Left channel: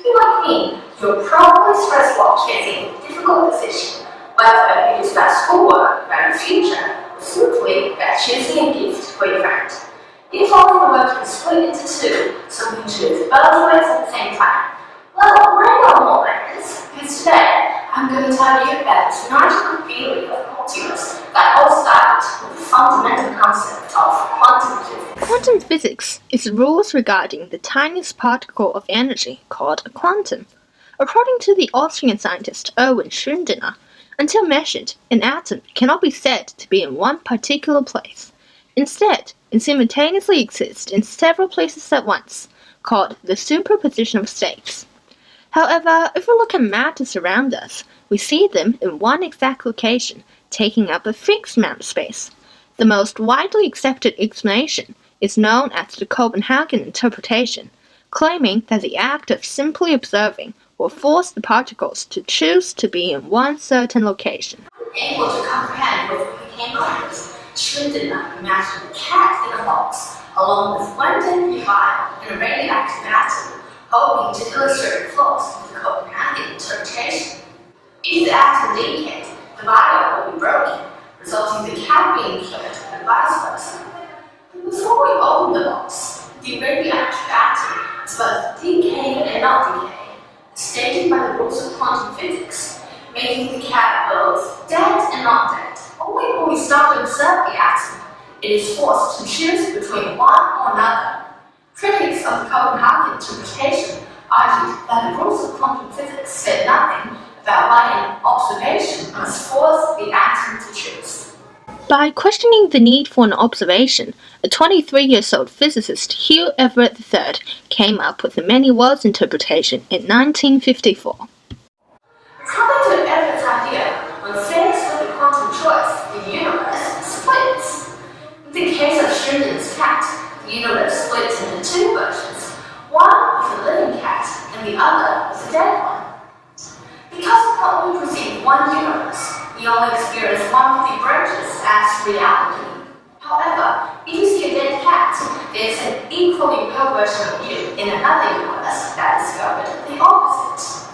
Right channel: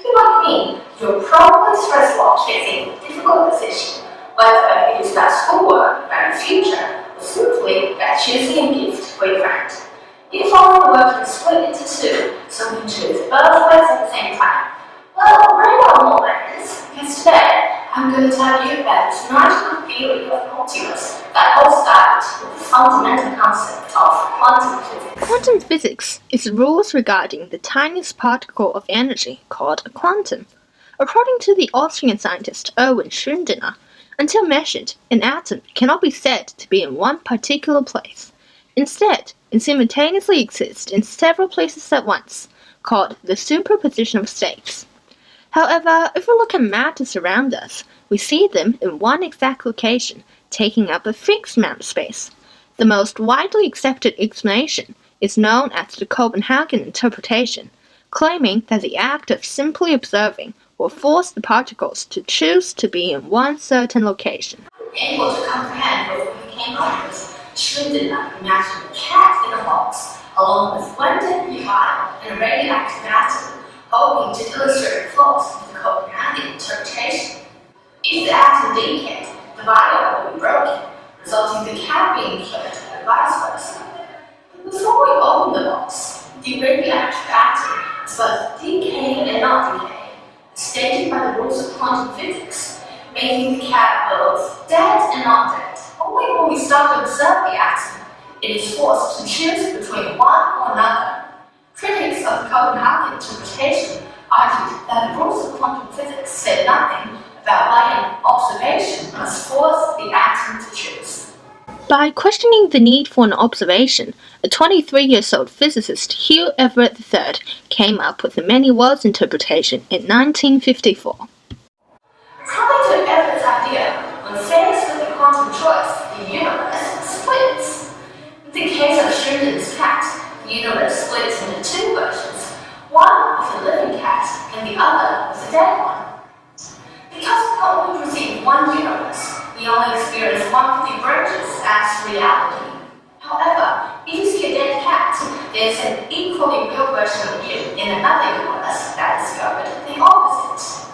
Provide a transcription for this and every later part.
If you're like me, you're probably stressed while facing a difficult decision, whether it is about schoolwork, about your future, or simply about choosing a gift for your friend. If all the work is split into two, so we can choose both ways at the same time. Well, bring on more friends, because today I'm going to tell you about this magical theory of multiverse that all started with the fundamental concept of quantum physics. Quantum physics is rules regarding the tiniest particle of energy called a quantum. According to the Austrian scientist Erwin Schrödinger, until measured, an atom cannot be said to be in one particular place. Instead, it simultaneously exists in several places at once, called the superposition of states. However, if we look at matters around us, we see them in one exact location, taking up a fixed amount of space. The most widely accepted explanation is known as the Copenhagen interpretation, claiming that the act of simply observing will force the particles to choose to be in one certain location. Able to comprehend what became conscious, Schrödinger imagined a cat in a box, along with one deadly vial and a radioactive atom, hoping to illustrate the flaws of the Copenhagen interpretation. If the atom decayed, the vial would be broken, resulting in the cat being killed and vice versa. Before we open the box, the radioactive atom is both decaying and not decaying, stated by the rules of quantum physics, making the cat both dead and not dead. Only when we start to observe the atom, it is forced to choose between one or another. Critics of the Copenhagen interpretation argued that the rules of quantum physics said nothing about why an observation must force the atom to choose. By questioning the need for an observation, a 23-year-old physicist, Hugh Everett III, came up with the many worlds interpretation in 1954. According to Everett's idea, when faced with a quantum choice, the universe splits. In the case of Schrödinger's cat, the universe splits into two versions, one with a living cat and the other with a dead one. Because we can only perceive one universe, we only experience one of the branches as reality. However, if you see a dead cat, there is an equally real version of you in another universe that discovered the opposite.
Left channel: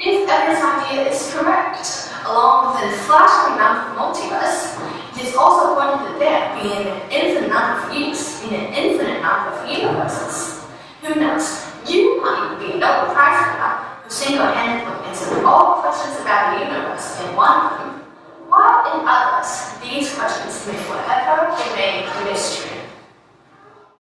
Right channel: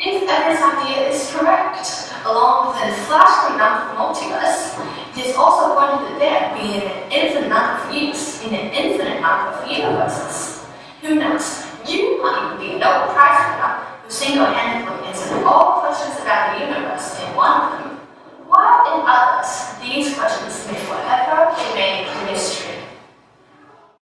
If Everett's idea is correct, along with a flashing number of multiverse, it is also pointed that there being an infinite number of yous in an infinite number of